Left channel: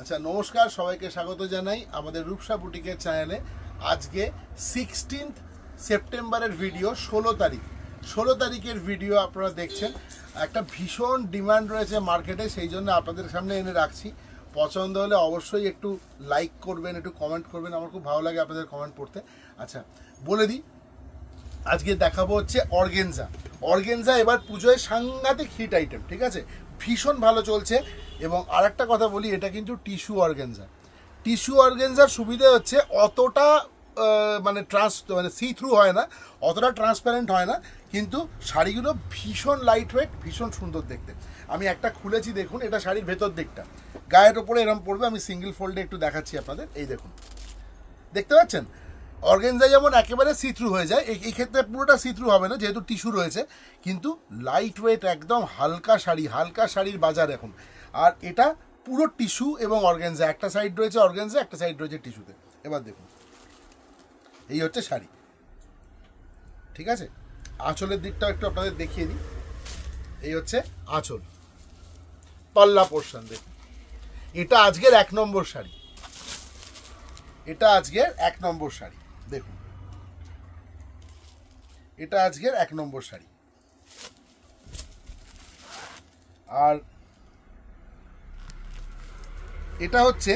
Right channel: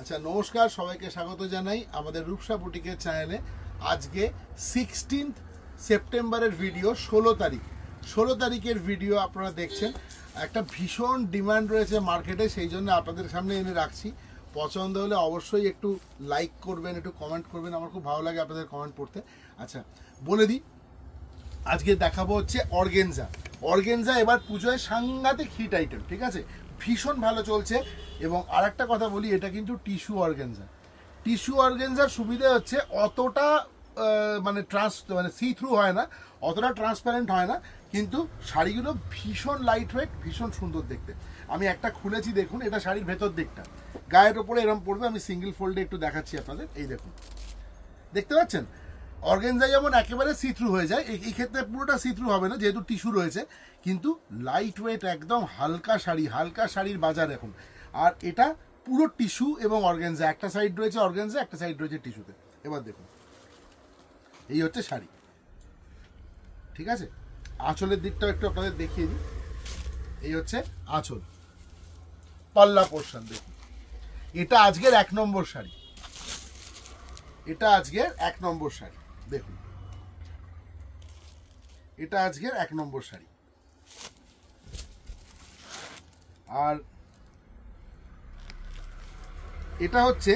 আচ্ছা নমস্কার, সবাইকে স্বাগত জানাই আমাদের রূপসা বুটিকের চ্যানেলে। আজকে 16 সেপ্টেম্বরের ভিডিও, 16 তারিখের ভিডিও আপনারা দেখছেন। একটা ভীষণ ডিমান্ড রয়েছে মার্কেটে, সেই জন্য আপনাদের সামনে এনে রাখছি। পছন্দ হলে অবশ্যই একটু লাইক করবেন, একটু কমেন্ট করবেন, আমার খুব ভালো লাগে আপনাদের কমেন্ট পড়তে। আচ্ছা বলে দিই, আজকে দেখাবো হচ্ছে অর্গেনজা। এবার পুজোয় সাংঘাতিক হিট আইটেম, ঠিক আছে, ভীষণ ভালো চলছে। এবং আরেকটা কথা বলি, এটা কিন্তু টিস্যু অর্গেনজার সুবিধা হচ্ছে অতটা মানে সি থ্রু হয় না, অতটা ট্রান্সপারেন্ট হয় না, কিন্তু শাড়িগুলো ভীষণ লাইট ওয়েট, ভীষণ সুন্দর দেখতে। আমি একটা খুলেছি, দেখুন, এটা শাড়ির ভেতর দিকটা, গায়ের ওপরে এরম পড়বে। আমি সিঙ্গেল ফোল্ডে একটু দেখাচ্ছি আপনাদের, এই দেখুন, দেখতে পাচ্ছেন অর্গেনজা যেমন একেবারে সি থ্রু হয়ে যায়, এই ক্ষেত্রে পুরোটা সি থ্রু হবে না যেহেতু টিস্যু রয়েছে, কিন্তু লাইট ওয়েট, একদম হালকা শাড়ির বাজার এখন। আর এটা পুরো টিস্যু এবং অর্গেনজা, একটা সাইড রয়েছে অর্গেনজা, একটা সাইড রয়েছে টিস্যুতে। এবার দেখুন, এই হচ্ছে শাড়ি, ঠিক আছে। আঁচলের দিকটাও একটু আপনাদের দেখিয়ে দিই। এই হচ্ছে আঁচল, পাল্লা পোর্শন দেখুন। এটা আজকের 1 নম্বর শাড়ি, দেখুন, এটা আজকের 1 নম্বর শাড়ি। আর এটা হচ্ছে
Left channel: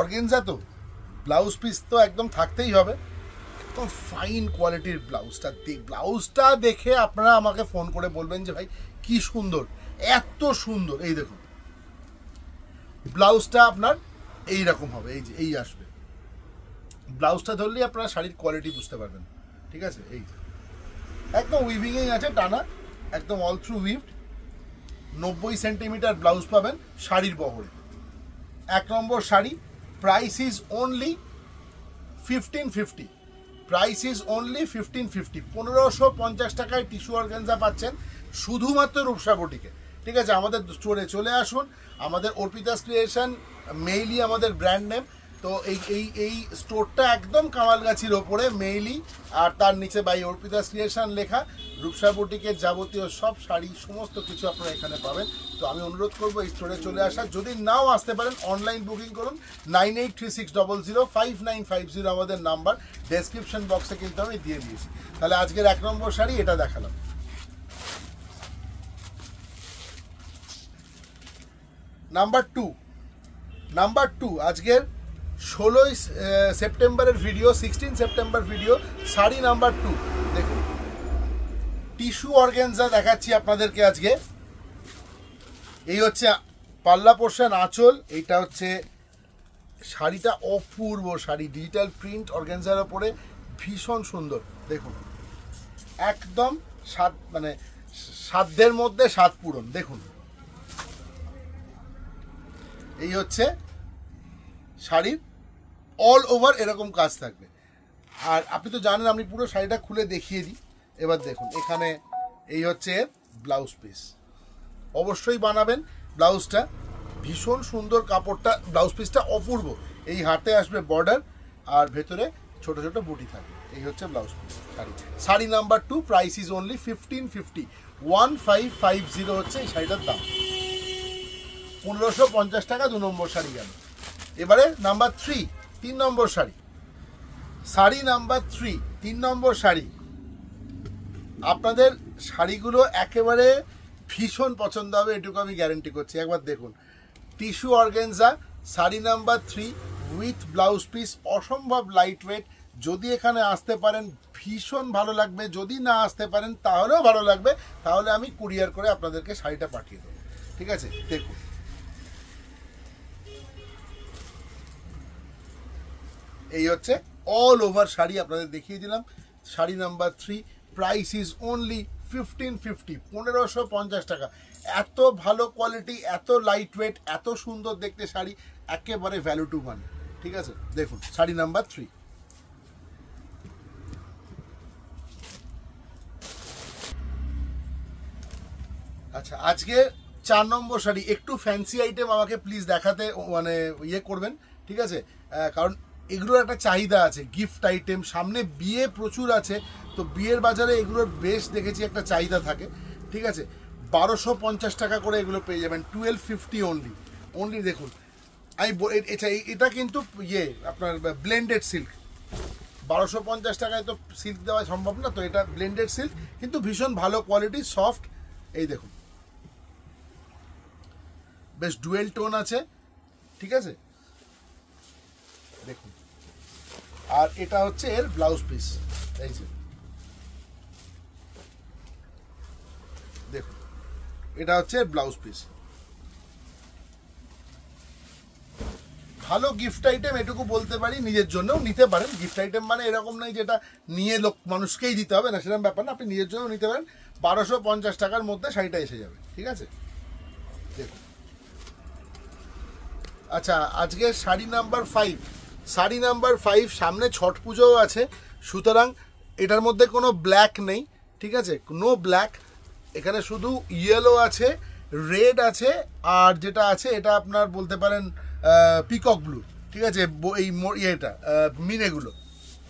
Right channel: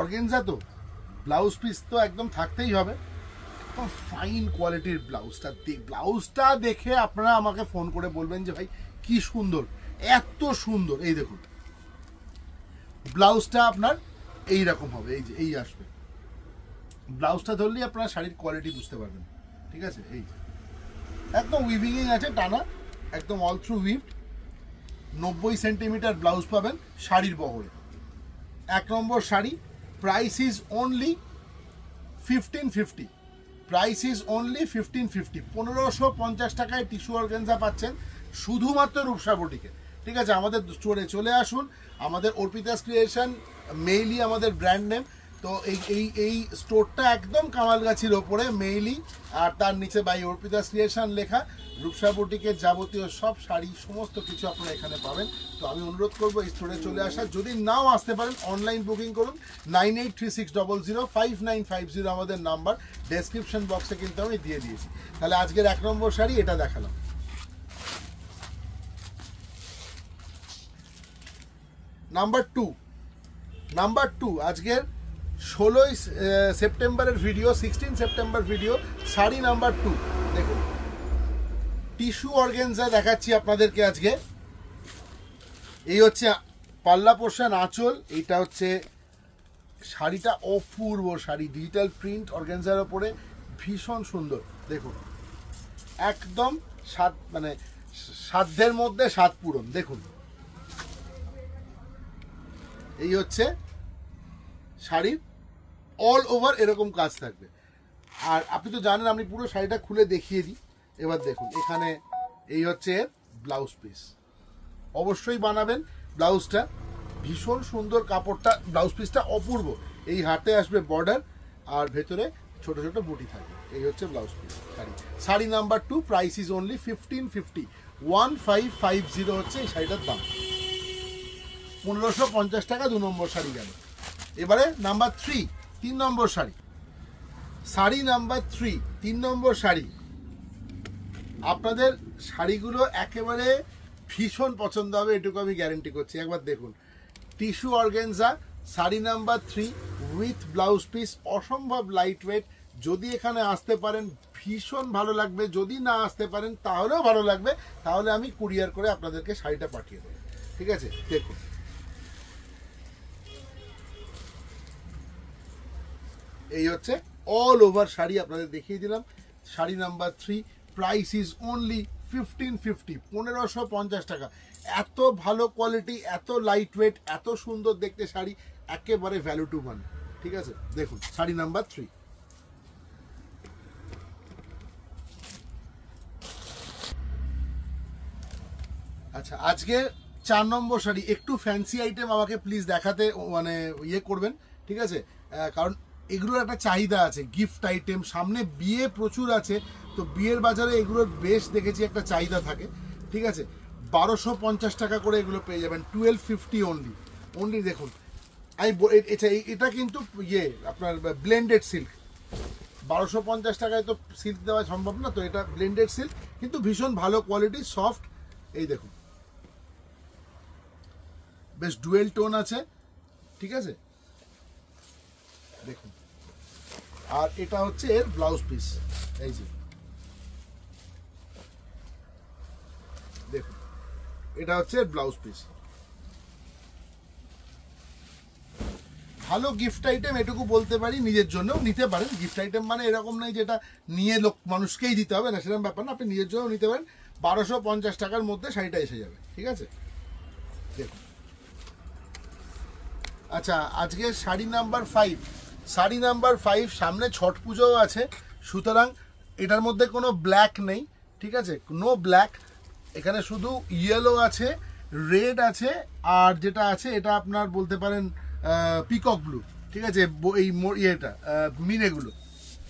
অর্গেনজা, তো ব্লাউজ পিস তো একদম থাকতেই হবে, একদম ফাইন কোয়ালিটির ব্লাউজটা দেখে আপনারা আমাকে ফোন করে বলবেন যে ভাই কি সুন্দর, এত সুন্দর। এই দেখুন, ব্লাউজটা আপনার এই রকম হবে, এই যে এই আসবে, ব্লাউজটা ধরলেই আপনারা শাড়ির কোয়ালিটি বুঝতে পারবেন, ঠিক আছে। এই একদম উইভিং আছে, টানা, একদম অল থ্রু উইভড। 90 সেন্টিমিটার ব্লাউজ পাবেন শাড়ির বহরে। 1 নম্বর শাড়ি, প্রাইস ইজ অনলি 1550, 1550 টাকায় টিস্যু অর্গানজা পাচ্ছেন শুধুমাত্র রূপসা বুটিকে, ঠিক আছে। আমাদের স্টোরে চলে আসুন, আমাদের অর্পিতাস ক্রিয়েশন মেইলি আমাদের ব্র্যান্ড নেম। তো এই স্টোরটা একদম কামালগাছির ওপরে, মেইলি, আর তার নিচে বাই অর্পিতাস ক্রিয়েশন লেখা। রূপসা বুটিকের যাবতীয় সব শাড়ি, সমস্ত কিছু আপনারা এখানে পাবেন। তো আমি অনুরোধ করবো এই স্টোরে চলে আসা। যদি নাও আসতে পারেন, অনলাইন বুকিং করুন। 9836005950 আমাদের নাম্বার, ডেসক্রিপশন বক্সে কিন্তু আমি দিয়ে দিয়েছি। তাহলে আজকের 1 নম্বর শাড়ি এটা দেখালাম। নাম্বার টু আজকের 16 সেপ্টেম্বরের video, 16 September video, sari number 2 দেখুন। টিস্যু অর্গানজা দেখাচ্ছি আপনাদেরকে আজকে। এই হচ্ছে পাল্লা পোর্শন, আঁচল। এইটা হচ্ছে শাড়িটা, অপূর্ব শাড়ি, ডিজিটাল প্রিন্ট অর্গানজার ওপরে, ভীষণ সুন্দর দেখুন, একদম মানে সাধ্যের মধ্যে স্বাদ পূরণ। দেখুন, এই হচ্ছে শাড়ির অল ওভার এরকম কাজ থাকবে। আর আপনি তো জানেন, আমি পুরো শাড়িটা খুলে দেখিয়ে দিই। এবার দেখুন, এখানে এই হচ্ছে ব্লাউজ পিস, অবশ্যই বানাবেন ব্লাউজটা, ভীষণ সুন্দর কাপড়টা, ব্লাউজ পিসটা অপূর্ব। এই হাতে আসবে বর্ডার, আর ভেতরে ছোট ছোট বুটি থাকবে। এই হচ্ছে blouse piece sari number 2, price is only 1550, 1550 হচ্ছে এই শাড়িটার দাম। 1550 টাকা 2 নম্বর শাড়ি গেল। এবারে নাম্বার 3 নম্বর শাড়ি, নাম্বার 3 নম্বর শাড়ি। আপনাদের শাড়িগুলো একেবারে ভীষণ পছন্দ হবে, এটুকু আমি গ্যারেন্টি করছি। একবার দেখুন, tissue organza, sari number 3 with blouse piece, অসম্ভব লাইট ওয়েট। যদি এখানে আসতে পারেন ভীষণ ভালো লাগবে, যদি না আসতে পারেন তাহলেও ভালো লাগবে, তাহলে আমি কুরিয়ার করে আপনাদেরকে শাড়িটা পাঠিয়ে দেবো, ঠিক আছে। দেখুন, এই হচ্ছে অল ওভার শাড়ি, আপনাদের দেখিয়ে দিলাম। Sari number 3, price is only 1550, 1550 টাকা। এত ভালো কোয়ালিটি, এত লাইট ওয়েট, এত সুন্দর দেখতে শাড়ি, একেবারে ভ্যালু টু মানি, ঠিক আছে। দেখুন, শাড়ি নাম্বার 3। আচ্ছা, আজকে 4 নম্বর শাড়ি, একটু ফ্যান্সি আইটেম আমাকে প্লিজ দেখাতে মানে ইয়ে করবেন, ঠিক আছে। কারণ এগুলোর একটা চাহিদা আছে, গিফট আইটেম, সামনে বিয়ে প্রচুর আছে, তো বিয়ের বাজারে এগুলোর বেশ দেখেছি একটা চাহিদা থাকে, ঠিক আছে। 1250 টাকা করে এগুলো পেয়ে যাবেন, 1250 অনলি। দেখুন, এটা কিন্তু ইয়ে আপনার ব্লেন্ডেড সিল্ক, 1250 টাকায় তো সিল্ক দেওয়া সম্ভব না, তো এটা ব্লেন্ডেড সিল্ক কিন্তু ভীষণ ভালো কোয়ালিটি, সফট। এই দেখুন বেশ ডুয়েল টোন আছে, ঠিক আছে দেখুন। আর এটা হচ্ছে এর ব্লাউজ পিস, এই যে দেখুন এটা হচ্ছে এর ব্লাউজ পিস। ভালো গিফট আইটেম এটুকু বলতে পারি, নিজের জন্যও নিতে পারেন। গিফট আইটেম মানে এরকম নয় যেটা নিয়ে মানুষকেই দিতে হবে না, সেরকম ব্যাপার না, আপনি নিজের জন্য নিতে পারেন। 1250 টাকার মধ্যে শাড়িটা এসে যাবে, ঠিক আছে দেখুন। আচ্ছা, আজকে শাড়ি নাম্বার 5, শাড়ি নাম্বার 5, সামনে ছট পুজোও আছে, সুতরাং এটার মধ্যে কোনো ব্ল্যাক নেই, ঠিক আছে, নো ব্ল্যাক, এখানে শুধু ইয়েলো আছে, রেড আছে, আর যেটা আছে এটা আপনার বলতে পারেন পিকক ব্লু, ঠিক আছে, এই ইয়েটা মিনেগুলো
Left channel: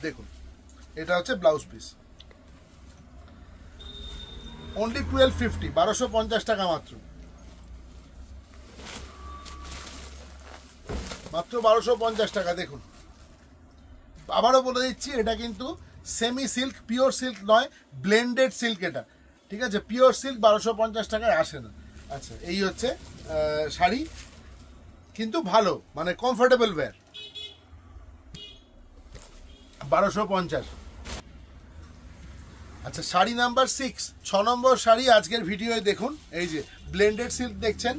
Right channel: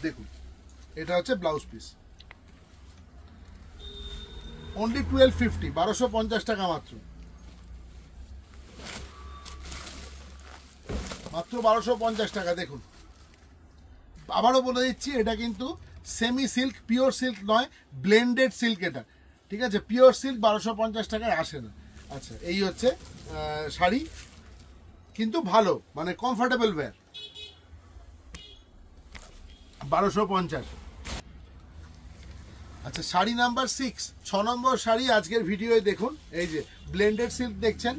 দেখুন। এটা হচ্ছে ব্লাউজ পিস, অনলি 1250, 1250 টাকা মাত্র, মাত্র 1250 টাকা। দেখুন আবারও বলে দিচ্ছি, এটা কিন্তু সেমি সিল্ক, পিওর সিল্ক নয়, ব্লেন্ডেড সিল্ক এটা, ঠিক আছে, পিওর সিল্ক 1250 টাকায় আসে না। আচ্ছা, এই হচ্ছে শাড়ি, কিন্তু ভালো মানে কমফোর্টেবল ওয়্যার, 1250। আচ্ছা, শাড়ি নাম্বার 6, 6 নম্বর শাড়ি আজকের ভিডিওয়ে দেখুন। এই যে ব্লেন্ডেড সিল্ক দেখছেন,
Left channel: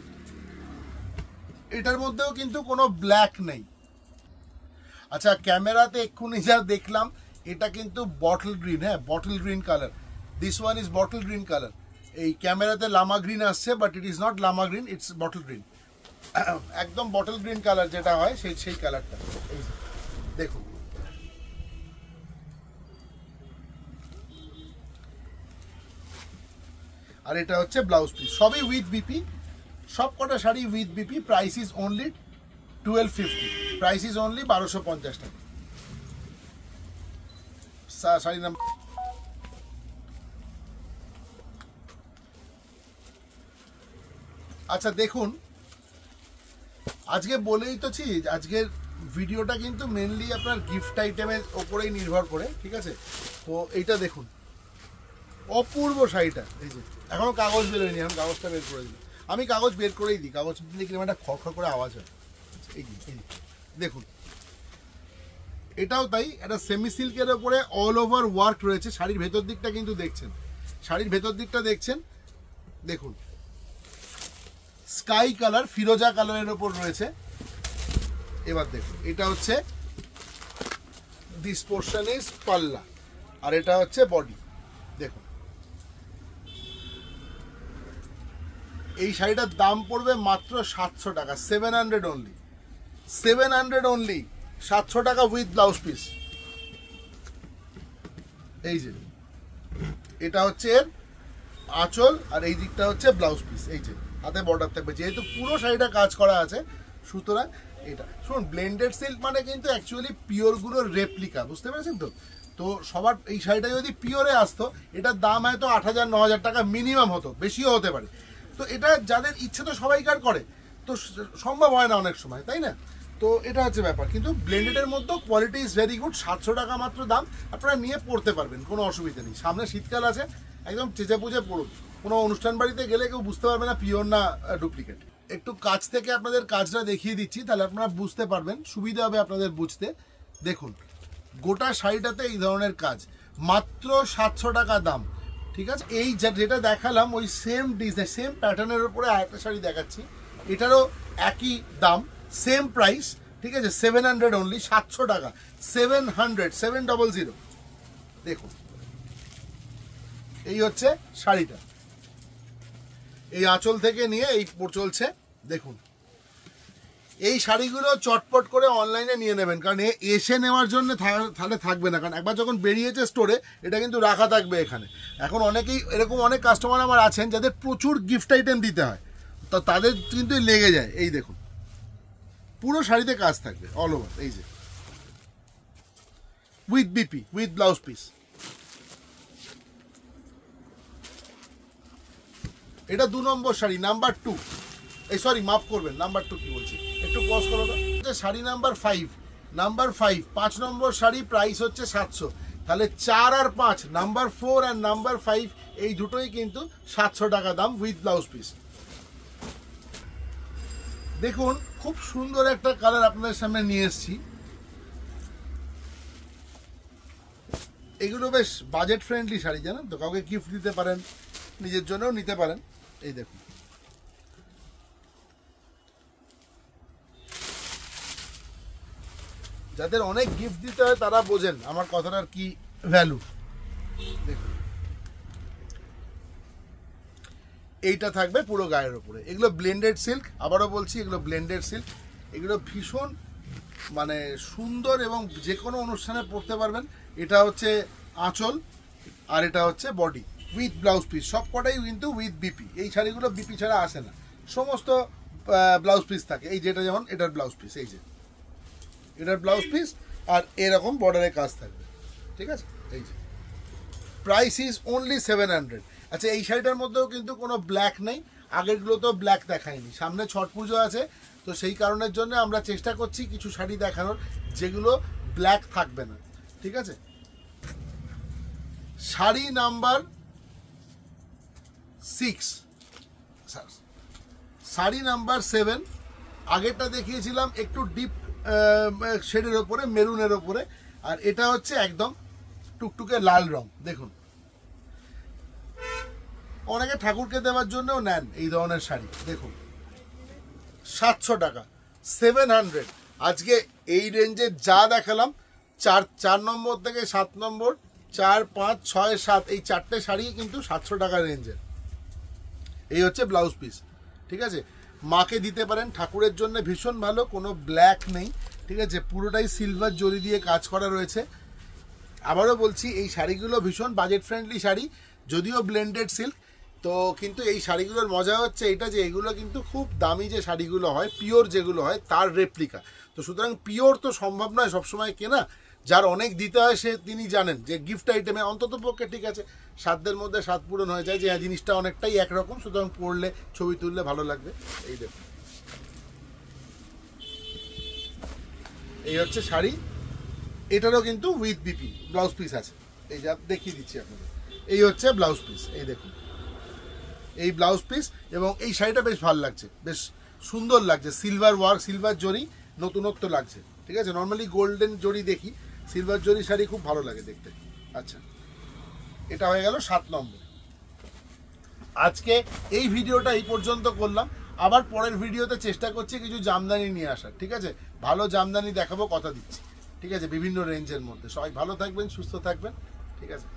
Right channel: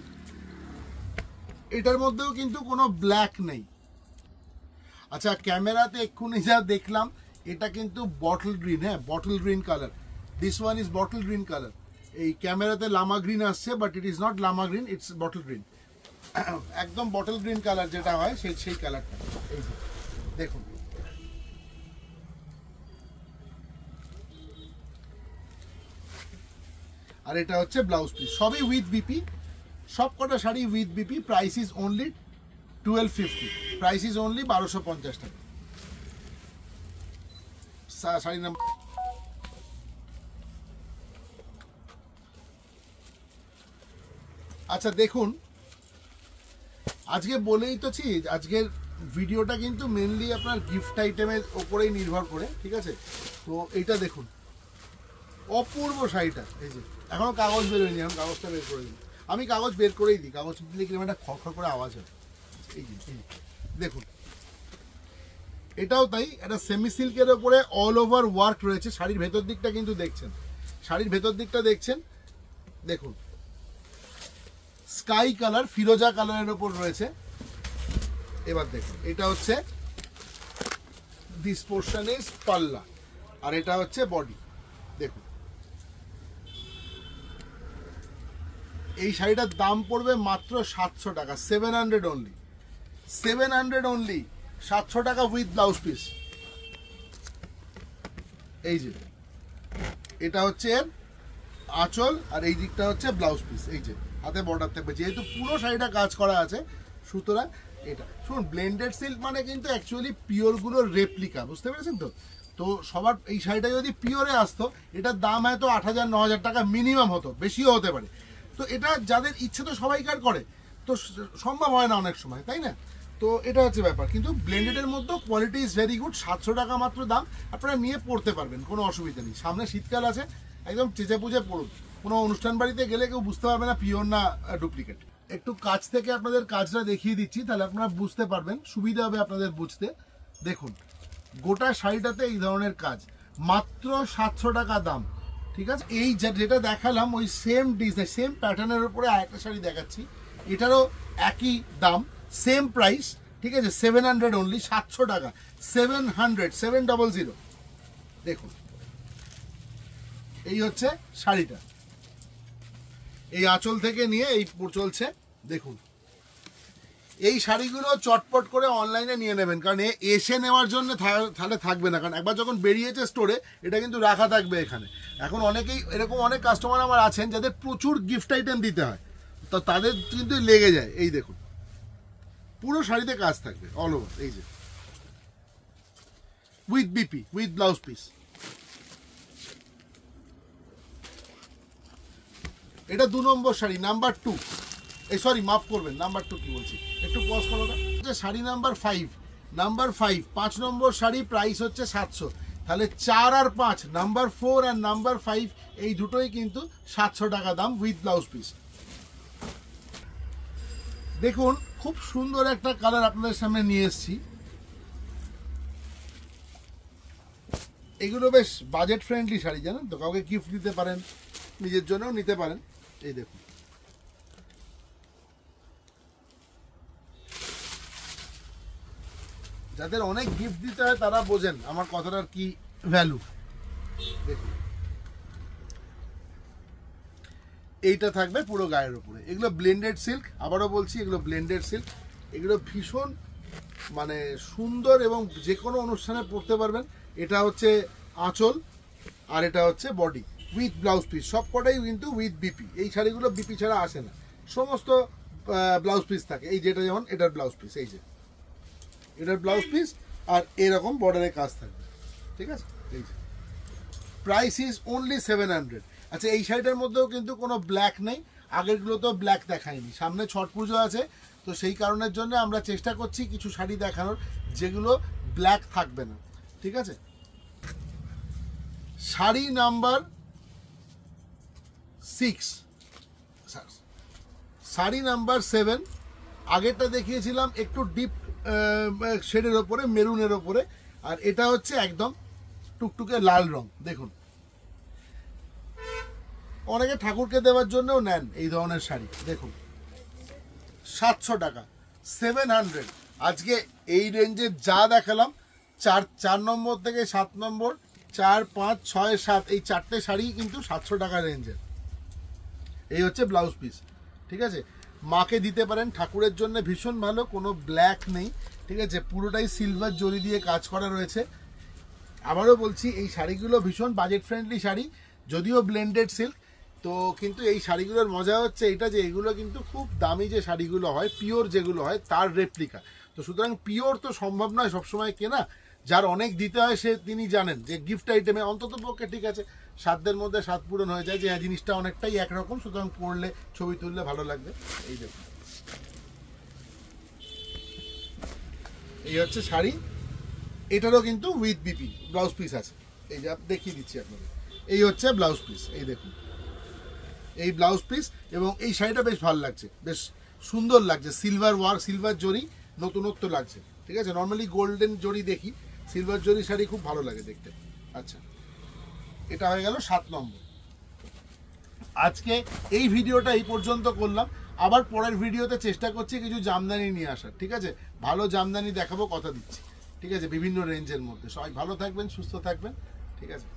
এটার মধ্যেও কিন্তু কোনো ব্ল্যাক নেই। আচ্ছা, ক্যামেরাতে এক্ষুনি যা দেখলাম এটা কিন্তু বটল গ্রিন, হ্যাঁ bottle green colour, this one is bottle green colour. এই ক্যামেরাতে লামা গ্রিন আসছে, but it is not Lama green, it's bottle green, একদম বটল গ্রিন কালার যেটা হয় সেই কালারটা। এই যে দেখুন, আর এটা হচ্ছে ব্লাউজ পিস, সবই উইথ বিপি, সব কটা sari with BP. Price is only 1250, price is only 1250 টাকা। শাড়ি নাম্বার, আচ্ছা দেখুন, আজকে বলেই তো ছি, আজকের ভিডিওটা কিন্তু মেনলি আপনার গিফট আইটেমের ওপরেই নির্ভর করে, ঠিক আছে। তো এইটা দেখুন, অপূর্ব শাড়িটা, এই যে এখনো কাগজ বেরোয়নি, এখন কাগজটা বের করে দিই, আমি কাগজ বের করেই দিই, কাগজ দেখলে একটা খড়খড় করে আওয়াজ হয়। এই দেখুন, এটাও তাই, এটা সেমি সিল্কের ওপরে অল ওভার ওয়ার্ক রয়েছে। শাড়ির ভেতর দিকটা কিন্তু দেখছেন, শাড়ির ভেতর দিকটা দেখছেন, দেখুন স্কাই কালার, ফিরোজা কালারের ওপর রয়েছে। এবার দেখুন, এটা হচ্ছে দিস পোর্শন ইজ পাল্লা, আর এটা হচ্ছে বডি। দেখুন এই শাড়িটার দাম পড়বে মাত্র 700 টাকা, 700 অনলি, 700 অনলি, 700 টাকা উইথ ব্লাউজ পিস। এই যে এটা হচ্ছে এর আঁচল, আর এই দিকটা হচ্ছে ব্লাউজ পিস, এই যে হাতে বর্ডার থাকবে, যেহেতু পুরো শাড়িটা কাজ করা আছে, সুতরাং এটা শুনুন, ব্লেন্ডেড সিল্ক মানে কিন্তু অ্যাকচুয়ালি পিওরগুলোর রেপ্লিকা, বুঝতে পেরেছেন তো। তো সবার এই শাড়িটা যদি পিওরে আসতো, এটার দাম হয়তো 8000 9000 টাকা মিনিমাম হতো, বেশিও হতে পারে। তো এটা যাদের ইচ্ছে তো সবাইকার করে, তো সম্ভব হয় না অনেক সময়, তাই না। তো এটা হচ্ছে ব্যাপার, কিন্তু ব্লেন্ডেডের মধ্যেও কোয়ালিটি ইজ ভেরি গুড, 700 টাকা মাত্র দাম, আপনারা নিয়ে পড়তে পারবেন, কোনো অসুবিধা নেই। সামনে শীতকাল আছে, একদম চেঁচে পুজে পড়ুন, কোনো অনুষ্ঠান বাড়িতে গেলে কেউ বুঝতে পারবে না পিওর না ডুপ্লিকেট। একটু কাছ থেকে আপনাদের কাজটা দেখিয়ে দিচ্ছি, তাহলে আপনারা বুঝতে পারবেন, সুবিধা হবে আপনাদের বুঝতে। দেখুন গোটা শাড়িটাতে এই ধরনের কাজ, মাত্র 700 টাকা দাম, ঠিক আছে। এই যেটা দেখালাম ওই সেম ডিজাইন, সেম প্যাটার্নের উপরে আরেকটা শাড়ি দেখাচ্ছি, এটারও একই দাম, সেম প্রাইস, ঠিক আছে, 700 অনলি, 700 টাকা, 700। দেখুন এই হচ্ছে শাড়িটা, এই আঁচল থেকে নিয়ে এই চলছে। দেখুন এই শাড়িগুলো চটপট করে অনলাইনে নিয়ে নেবেন, কারণ এসে নেওয়ার জন্য তাহলে থাকবে না, কারণ একবার যখন বেরিয়েছে স্টোরে এটা কিন্তু রাখা থাকবে এখানে। এখন অনেকেই এরকম অনেক কাস্টমার আমার আছেন যাদের প্রচুর গিফট আইটেম দিতে হয়, তো তাদের কিন্তু লেগে যায়। এই দেখুন পুরো শাড়িতে কাজ থাকবে অল ওভার, এই যে with BP, with blouse piece. এটা 2 নম্বর শাড়ি, নাম্বার 2। এই সরি মাফ করবেন, নাম্বার 2 কি বলছি, একটু পজ করো তো। শাড়ি নাম্বার 5, নাম্বার 5 5 নম্বর শাড়ি, প্রাইস হচ্ছে 700। তাহলে 4 আর 5, নাম্বার 4 আর নাম্বার 5 এই দুটোই কিন্তু 700 টাকা দাম উইথ ব্লাউজ পিস। দেখুন খুব সুন্দর একটা কালার আপনাদের সামনে নিয়ে এসেছি। এগুলো বেশ বাজেট ফ্রেন্ডলি শাড়ি, জানেন তো, কাউকে গিফট দিতে পারেন, নিজের জন্যও নিতে পারেন। এই দেখুন, যাদের অনেক গিফট দিতে হয় তারা বোঝেন আমার কথাটার কি ভ্যালু। দেখুন এইটা থাকবে পুরো গায়ের উপরে। এগুলো ব্লেন্ডেড সিল্ক, আবারও বলছি এগুলো ব্লেন্ডেড সিল্ক। এগুলো ভীষণ মানে সুন্দর এবং যে কোনো অনুষ্ঠানে পরতে পারবেন। এটা হচ্ছে আঁচল আর এটা হচ্ছে বডি উইথ ব্লাউজ পিস, সব কটাই কিন্তু উইথ বিপি। এই শাড়িগুলো বিপি ছাড়া আসে না, সমস্ত ব্লাউজ পিস থাকে। এই যেটা যেমন এটার ব্লাউজ পিস, এই যে এটার ব্লাউজ পিস আর এরকম বর্ডারের কাজ থাকবে, ঠিক আছে। এই যে প্রাইস ইজ অনলি 700। আচ্ছা এই শাড়িটার মধ্যেও কিন্তু কোনো ব্ল্যাক নেই, আগেরগুলো তো ব্ল্যাক দেখায়নি, সামনে ছট পুজো আছে, তো সেই কারণের জন্য আমরা চেষ্টা করছি কিছু শাড়ি দেখানোর যেগুলো ব্ল্যাক থাকবে না, ঠিক আছে। শাড়ি নাম্বার 6, শাড়ি নাম্বার 7, আগেরটা দেখিয়েছিলাম একটু ডিপ শেডের ওপরে, মেরুনের ওপরে, আর এটা হচ্ছে একদম টুকটুকে লাল রং। দেখুন অনেকে ঠাকুরকে দেওয়ার জন্যও নেন এই ধরনের শাড়ি। দেখুন 700 টাকা, 700। আজকে এই রেঞ্জে যা দেখালাম 4 নম্বর থেকে 7 নম্বর, 4, 5, 6, 7 এই 4টে শাড়ি কিন্তু 700 টাকার রেঞ্জের। এই হচ্ছে ব্লাউজ পিস, ঠিক আছে। মাকে দিতে পারেন, ঠাকুরের জন্য ভীষণ ভালো, কোনো ব্ল্যাক নেই, ঠিক আছে, পুরোটাই সিলভার জরি দিয়ে কাজ করা রয়েছে। আবারও বলছি এই শাড়িগুলো ভীষণ বাজেট ফ্রেন্ডলি শাড়ি, যদিও ব্লেন্ডেড সিল্ক, তো কিন্তু এই শাড়িগুলোর মজা হচ্ছে এটা যে এগুলো কিন্তু খুব দামি যে শাড়িগুলো হয়, পিওর যেগুলো হয় তার রেপ্লিকা। তো সুতরাং পিওর তো সম্ভব নয় সবসময় কেনা, যার অনেক দিতে হয় সে তিনি জানেন যে গিফট আইটেমে অন্তত পক্ষে ঠিক আছে সাধ্যের মধ্যে স্বাদ পূরণ হয়ে যায়, যে জিনিসটা অনেকটাই একরকম, সুতরাং পরলে ছবি তুললে ভালো লাগবে। এই দেখুন এই হচ্ছে শাড়ি, এটারও কিন্তু উইথ বিপি ব্লাউজ পিস আছে। এই যে দেখিয়ে দিচ্ছি আপনাদের, এই হচ্ছে ব্লাউজ পিস, এই দেখুন এই ব্লাউজ পিস। এবং এই শাড়িটা বেশ ভালো লাগছে, বেশ সুন্দর লাগছে, সিলভার ওয়ার্ক, সিলভার জরি, নতুনত্ব লাগছে, ঠিক আছে। নর্মালি গোল্ডেন জরি দেখি, সিলভার জরি শাড়ি খুব ভালো লাগে দেখতে। আচ্ছা এটা হয়ে গেল 7 নম্বর। আজকে এই ভিডিওটা এই পর্যন্ত করলাম, আবার পরের ভিডিওতে চেষ্টা করছি কিছু জামদানি নিয়ে আসার, ঠিক আছে। ভালো জামদানি দেখাবো, কথা দিচ্ছি, ঠিক আছে, বিভিন্ন রেঞ্জের মধ্যে। সবাই ভালো থাকবেন, সুস্থ থাকবেন, ঠিক আছে।